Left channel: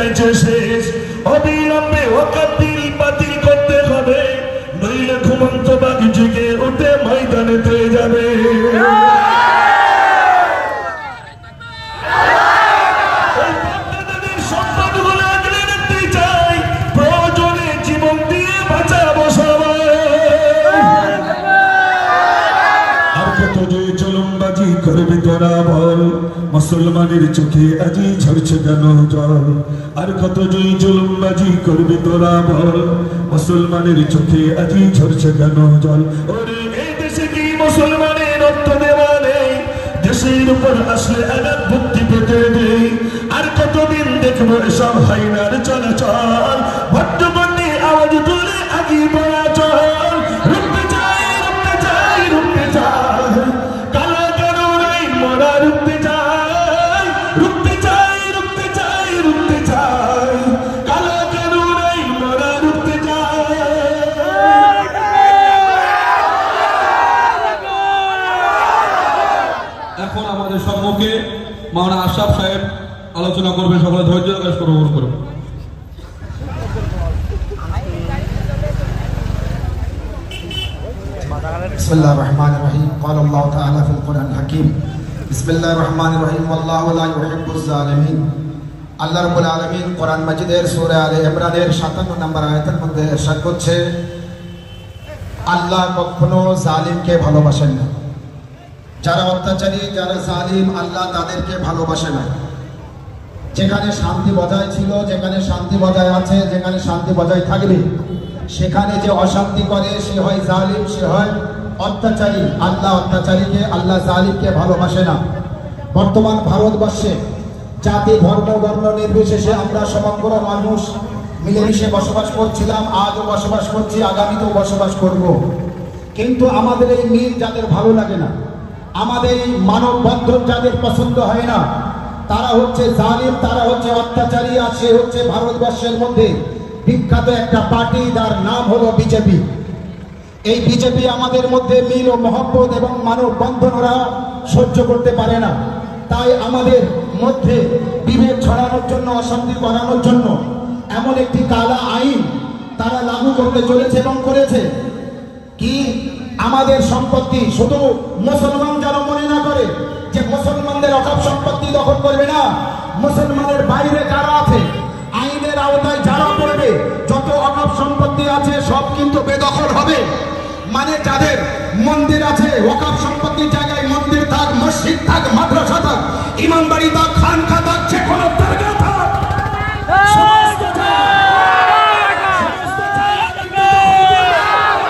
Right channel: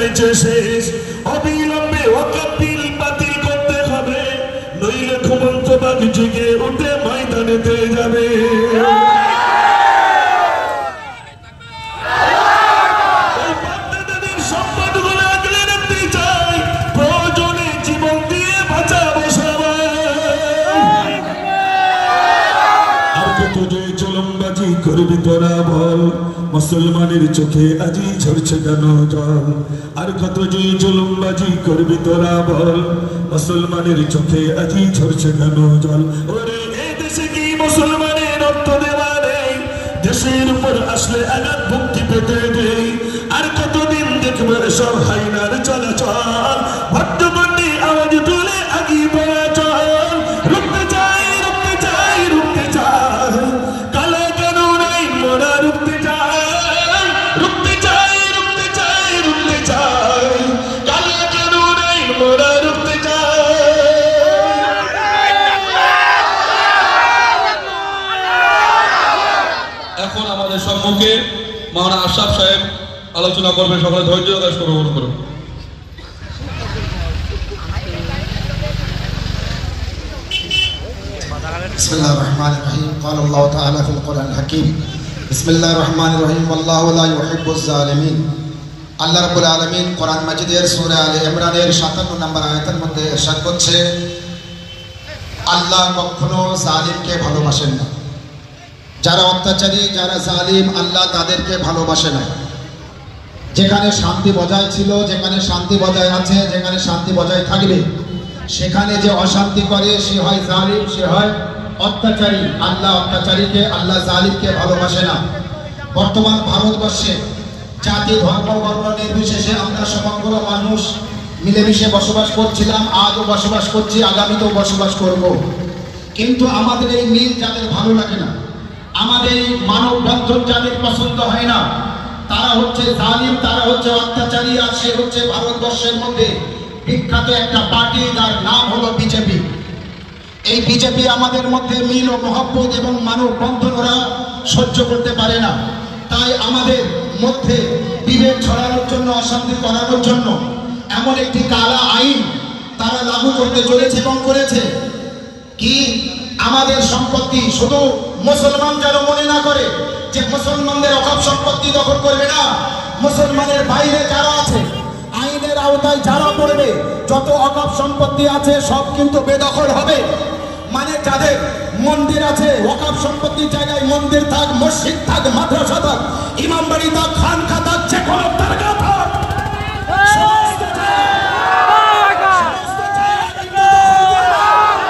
চাইছে শেষ, অবিলম্বে ওয়াকফ বিল বাতিল করতে হবে, নইলে ঘুমন্ত বাঘ জেগে উঠে ময়দানেতে যাবে। সম্পদগুলো আগলে রাখতে চাই, প্রয়োজনে জীবন দিয়ে বাঁচাবো সবাই। আর কত যে জুলুমবাজি করবি তোরা বল, মুসলমানের চোখে আজি ঝরছে কেন জল। আর কত যে জুলুমবাজি করবি তোরা বল, মুসলমানের চোখে আজি ঝরছে কেন জল। ওরে এই দেশে কি মুসলমানের রক্ত দেওয়া নেই, দেশের উপর আসলে আঘাত মুক্তি পেতে দেই। আর কতদিন দেখবো এসব হাইনার চলাচল, ভট্টগণ্ডে আওয়াজ তুলে আগিয়ে পড়া চল। রুখতে চাই, রুখতে চাই, রুখতে চাই, কালা কানুন আইন মোরা রুখতে চাই। রুখতে চাই, রুখতে চাই, রুখতে চাই, কালা কানুন আইন মোরা রুখতে চাই। এখন আমাদের সম্মুখে মাওলানা আশরাফ সাহেব আলোচনা করবেন, সকলে ধৈর্য ধারণ করে গ্রহণ করুন। বিসমিল্লাহির রহমানির রহিম। قال الله تعالى في القرآن الحكيم بسم الله الرحمن الرحيم والله لا يحب الظالمين। আল্লাহ রাব্বুল আলামিন কোরআন মাজিদের সূরা আলে ইমরানের 57 নম্বর আয়াতের মধ্যে ইরশাদ করছে, আল্লাহ কখনো জালিমকে ভালোবাসেন না। যারা অত্যাচারী, যারা জালিম, আল্লাহ তাদেরকে ভালোবাসে না। যেখানে শান্তি বজায় ছিল, যেখানে শান্তি বজায় আছে, যেখানে শান্তি বজায় থাকবে, সেখানে যে অশান্তি করে সে হয় জালিম, সে হয় অত্যাচারী। আল্লাহ অত্যাচারীকে, আল্লাহ জালিমকে ভালোবাসে না। বর্তমান ভারতবর্ষে জাতি, ধর্ম, বর্ণ নির্বিশেষে আমরা সমগ্র মানুষ মিলেমিশে বসবাস করছিলাম, আজও বসবাস করছি, আগামীতেও বসবাস করব। কিন্তু আমাদের এই মিল যাদের ভালো লাগে না, আমাদের এই মানব বন্ধন যাদের পছন্দ হয় না, তারা হচ্ছে জালিম, তারা হচ্ছে অত্যাচারী। আর সে হচ্ছে ভারতবর্ষের মধ্যে বিখ্যাত একটা পার্টি, যার নাম হলো বিজেপি। এই বিজেপি আমাদের মধ্যে মিল ও মহব্বত এবং মানব বন্ধন ওরা সহ্য করতে পারে না। তাই আমাদের মধ্যে বিভেদ ছড়ানোর জন্য, অশান্তি করানোর জন্য এমন একটি কালা আইন তারা লাগু করতে চলেছে এবং করেছে। কি আমাদের সম্পত্তি শুধু মুসলমান যেন মনে না করে যে মুসলমানদের অকাপ সম্পত্তি দখল করবে না, মুসলমানের বাইরে যারা আছে, আইনের আওতায় যারা পড়বে, যত অকাপ সম্পত্তি আছে সব কিন্তু বেদখল হবে। মানে যাদের মন্দির আছে, ওয়াকফ সম্পত্তির জায়গায় মন্দির